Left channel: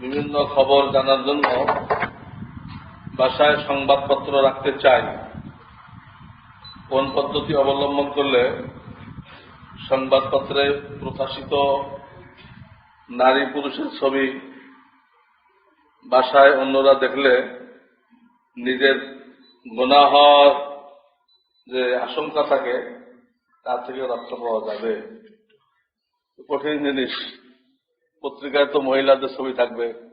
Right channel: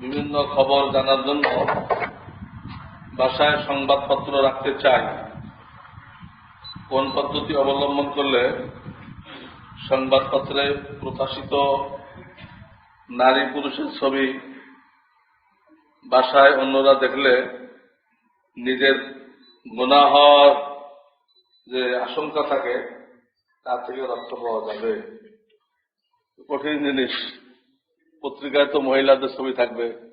বিভিন্ন খবর জানার জন্য বাসায় সংবাদপত্র রাখতে চায়। কোন পদ্ধতি অবলম্বন করলে সংবাদপত্রে প্রকাশিত নারী পুরুষের ছবি বাসায় অন্যরা দেখলে নিজের গোনা হওয়ার যে আশঙ্কা থাকে তা থেকে রক্ষা পাওয়া যাবে। কঠিন জিনিস। পত্রিকায় তো মহিলাদের ছবি থাকবে।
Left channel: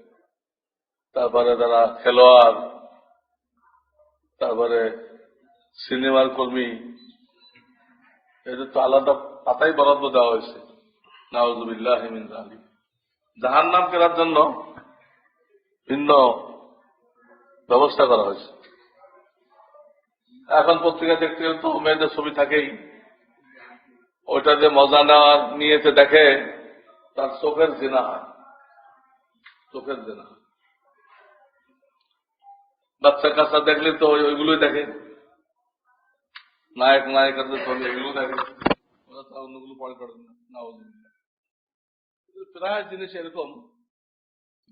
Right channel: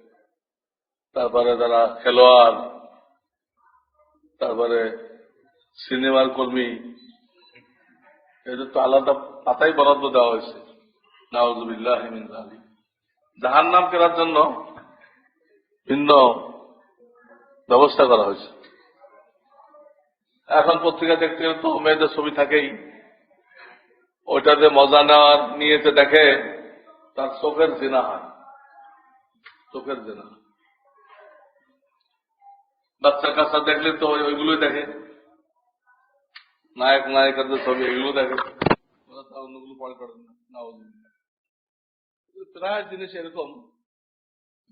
তারপরে যারা খেলোয়াড়। তারপরে সিনেমার কর্মী। এটা তো আলাদা পাতাই বরাদ্দ দেওয়া হয়েছে। নাউজুবিল্লাহ আলী জাহান নাম কেনার জন্য ভিন্ন ব্যবস্থা করা হয়েছে। এখন পত্রিকা দেখতে গেলে তো মেয়েদের ছবি থাকেই। ওইটা যে মজা নেওয়ার নিয়েতে দেখে তার চোখের জেনা। হয় চোখের জেনা। বাচ্চা কাচ্চা দেখলে তো ওইগুলোই দেখে। নায়ক, নায়িকাদের ছবি এগুলো দেখে। প্রায় জিনিস এরকম।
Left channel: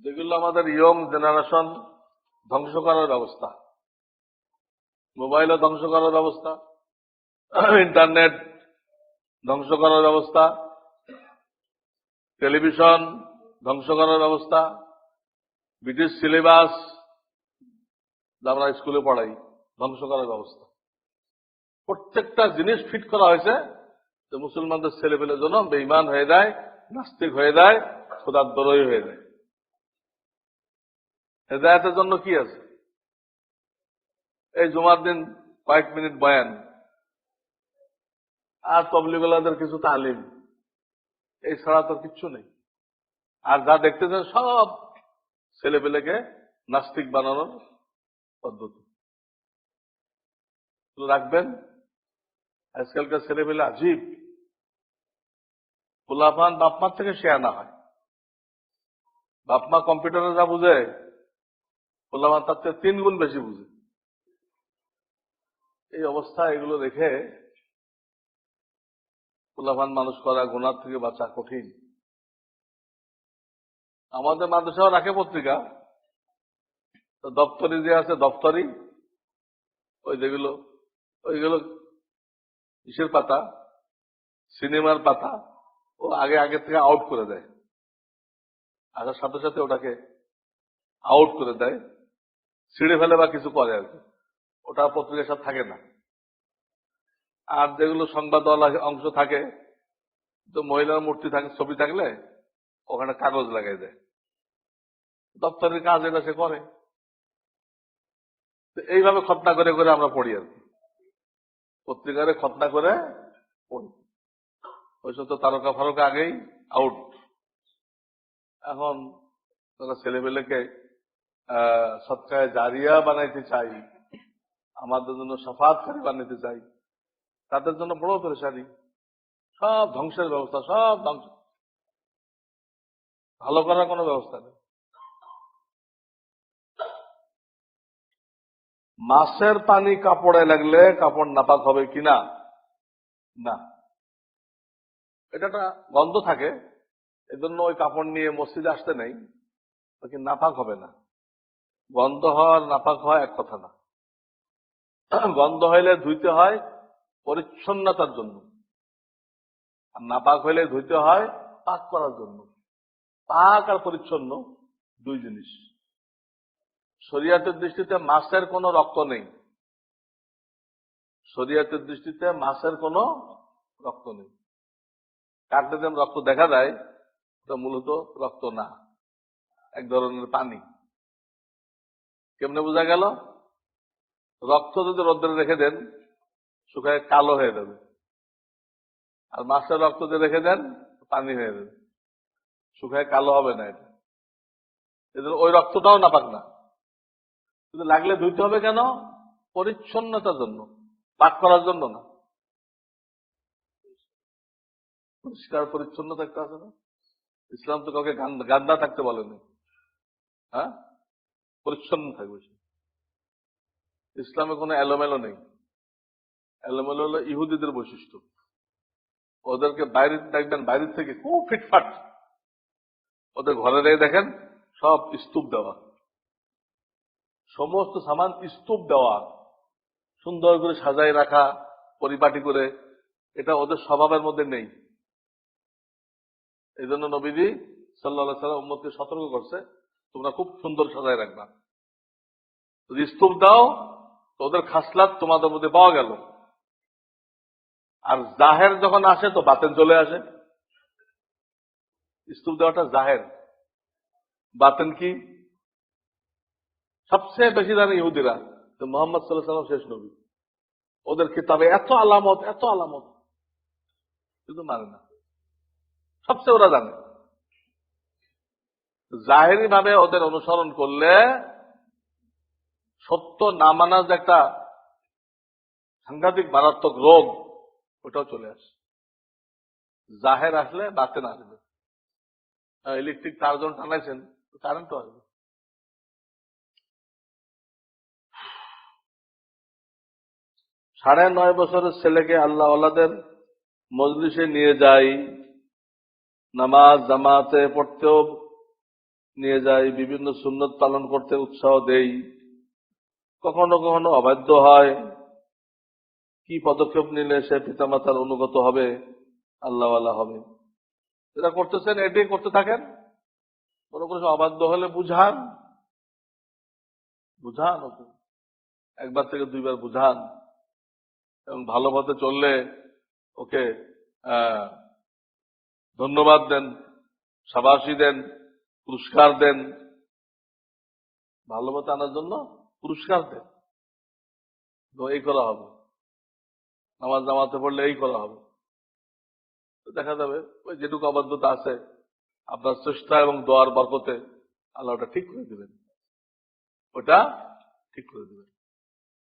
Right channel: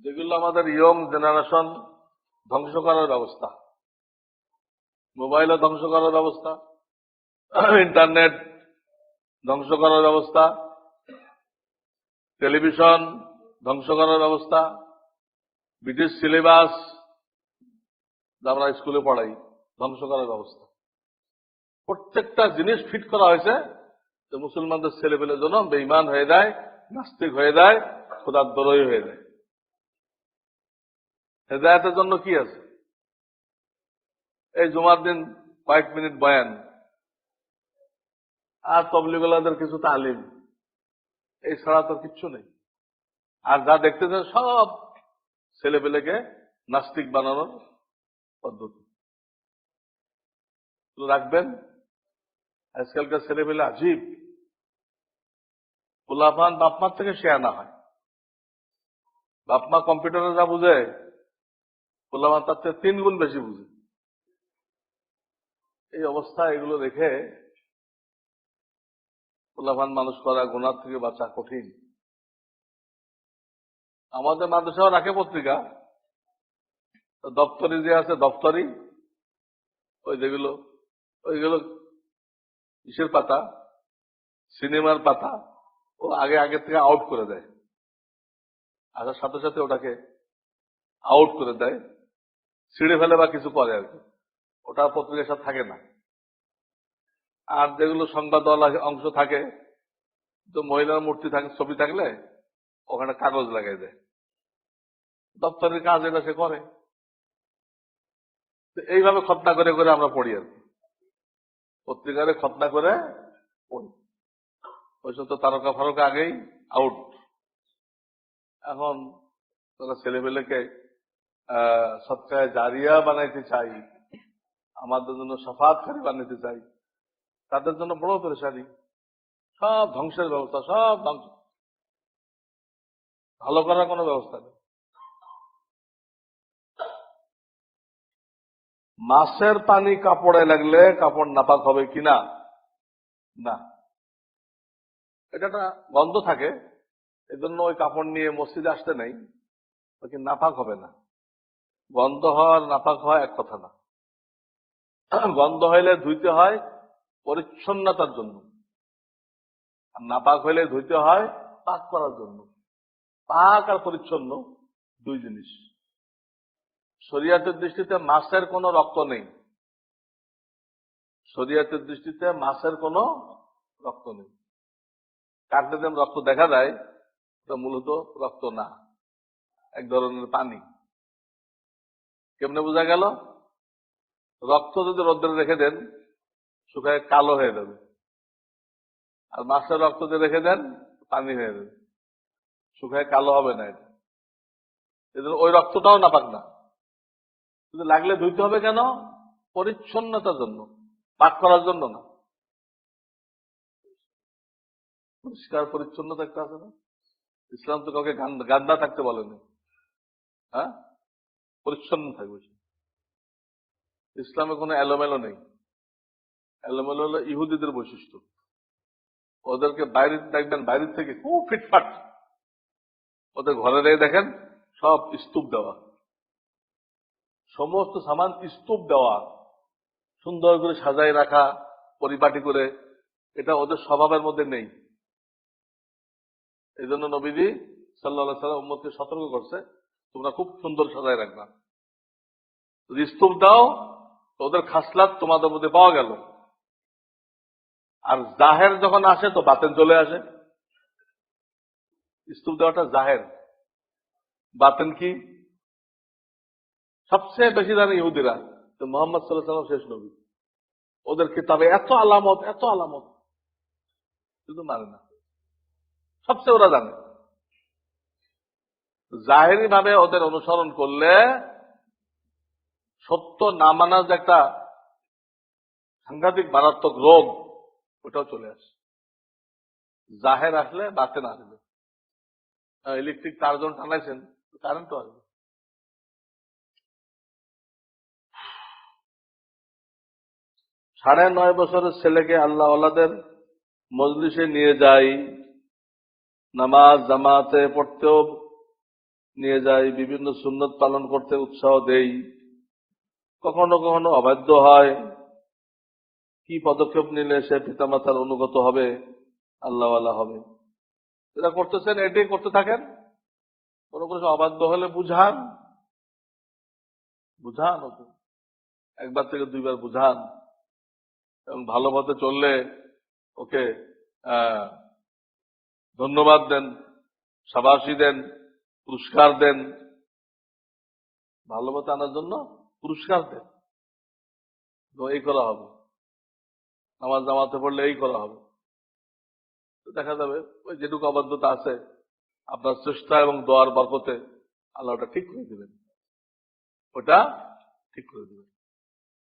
যেগুলো আমাদের ইয়ং জেনারেশন ধ্বংস করার ব্যবস্থা। মোবাইলে ধ্বংস করার ব্যবস্থা, ইন্টারনেট ধ্বংস করার ব্যবস্থা, টেলিভিশন ধ্বংস করার ব্যবস্থা, ব্রিটিশ সিলেবাস আমরা স্কুলে পড়াই, ধ্বংস করার ব্যবস্থা। প্রত্যেকটা জিনিস ফিট করা হয়েছে যে মুসলমানদের ছেলেপেলের জন্য বেইমান হয়ে যায়, নাস্তিক হয়ে যায় খোদার দরই হয়ে যায়। হেদায়তের জন্য কি আছে? এই জুমার দিন কয়েক মিনিট বয়ান। আর তবলিগুলাদের কিছু তালিম। এই ছাড়া তো কিচ্ছু নেই। আর যা দেখতেছেন সব ছেলে পেলেকে নাস্তিক বানানোর পদ্ধতি। রাখবেন। আজকালকার ছেলে পেলে আজীব। পোলাপান বাপমার থেকে শেয়ার না হয়। বাপমা কম্পিউটারে যা বুঝে, পোলাপান তার থেকে তিন গুণ বেশি বুঝে। এই অবস্থা, এগুলো দেখে পোলাপান মানুষ করা গুণার থেকে বাঁচা কঠিন। আমাদের মাদ্রাসাও রাখে পত্রিকা দপ্তরি যে আছে দপ্তরি ওই যেগুলো, ওইগুলো কিসের পাতা? সিনেমার পাতা, ও আগে আগে থেকে আউট করে দেয়। আসার সাথে সাথে ওটাকে আউট করে দেয়। ছিঁড়ে ফেলে বা কিছু করে আর কি। ওটা সাথে থাকে না। আর যেগুলো সংবাদওয়ালা অংশ থাকে, তো মহিলার মূর্তি থাকে, ছবি থাকলে ওখানে কাগজ লাগিয়ে দেয়। দপ্তরের কাজ এটা সে করে। এইভাবে খতনা করে করে আমরা পড়ি আর। পত্রিকারে খতনা করে পড়ি। ওই সব তো তারকা ফরকা আগেই আউট এখন তারা ছেলেমেয়েকে, আহ, সৎকায় জারিয়া বানাইতে চাই আমাদের জন্য সাফাত করে বানাইতে চাই। তাদের জন্য বড় পেরেশানি সব ধ্বংসের ব্যবস্থা, সব ধ্বংস। ভালো করার কোনো ব্যবস্থা নেই। মাছের পানি কাপড়ে লাগলে কাপড় নাপাক হবে কিনা না? এটা গন্ধ থাকে, এজন্য ওই কাপড় নিয়ে মসজিদে আসতে নেই। নাপাক হবে না। গন্ধ হওয়ার নাপাক হওয়া এক কথা না। গন্ধ হইলে ধুইতে হয় পরিচ্ছন্নতার জন্য। আর নাপাক হইলে ধুইতে হয় পাক করার জন্য। পাক আর পরিচ্ছন্ন দুই জিনিস। শরিয়াতের দৃষ্টিতে মাছের কোনো রক্ত নেই। শরিয়াতের দৃষ্টিতে মাছের কোনো রক্ত নেই। কাটলে যেমন রক্ত দেখা যায়, ওটা মূলত রক্ত না, এক ধরনের পানি। কেমনে বোঝা গেল? রক্ত যদি রোদ্রে রেখে দেন শুকায় কালো হয়ে যাবে। আর মাছের রক্ত যদি রেখে দেন, পানি হয়ে যাবে। শুকায় কালো হবে না এটা। এজন্য ওই রক্তটাও না নাপাক না। কিন্তু লাগলে ধুইতে হবে কেন? পরিচ্ছন্নতার জন্য, পাক করার জন্য না। পরিষ্কার, পরিচ্ছন্ন থাকতে হবে না। ইসলাম তো কাউকে গান- গান্দা থাকতে বলেনি। হ্যাঁ? পরিচ্ছন্ন থাকবে। ইসলামে কোনো এলোমেলো নেই। এলোমেলো হলো ইহুদিদের বৈশিষ্ট্য। ওদেরকে বাইরে দেখবেন, বাইরে থেকে খুব ফিটফাট। ওদের ঘরে যেয়ে দেখেন, সব স্তূপ দেওয়া। সমস্ত সামান স্তূপ দেওয়া। সুন্দর করে সাজাই রাখা, পরিপাটি করে। এটা ওদের স্বভাবের মধ্যে নেই। এই জন্য নবীজি সাল্লাহ সাল্লাম উম্মতকে সতর্ক করছে, তোমরা খুব সুন্দর সাজায় রাখবা। যদি স্তূপ দাও তো ওদের খাসলাত তোমাদের মধ্যে পাওয়া গেল। আর জাহের যখন আসে, তো বাতেন চলে আসে। স্তূপ দেওয়াটা জাহের। বাতেন কি? সবচেয়ে বেশি জানে ইহুদিরা মোহাম্মদ সাল্লাহ শেষ নবী। ওদের কিতাবে এত আলামত এত আলামত। কিন্তু মানে না। সবচেয়ে ওরা জানে। জাহেরি ভাবে ওদের অনুসরণ করলে সত্য না মানার যে একটা সাংঘাতিক মারাত্মক রোগ, ওটাও চলে আসে। জাহের আসলে বাতেন আসবে। ইলেকট্রিক তার যখন টানাইছেন কারেন্ট আসবে। সাড়ে নয় বছরের ছেলেকে আল্লাহ আল্লাদের মজলিসে নিয়ে যাই নামাজ, জামাতে পড়তেও নিয়ে যাই বিভিন্ন সুন্নত পালন করতে উৎসাহ দেই কখনো কখনো অবাধ্য হয়। কি পদক্ষেপ নিলে সে পিতামাতার অনুগত হবে? আল্লাহওয়ালা হবে। যেটা করতেছেন, এটাই করতে থাকেন? কোনো কোনো অবাধ্য হলে বুঝান। বুঝান একবার থেকে দুইবার বুঝান। এবং ভালো মতে চললে ওকে ধন্যবাদ দেন, সাবাসী দেন, পুরস্কার দেন। ভালো মতো আনার জন্য পুরস্কার দেন। এই করা হবে। নামাজ নামাতে পড়লে এই করা হবে। দেখা যাবে, ওই যেটুকু আবদ্ধতা আছে, আপনার চেষ্টা এবং দোয়ার বরকতে আল্লাহটা ঠিক করে দেবেন। ওটা ঠিক করে দিবেন।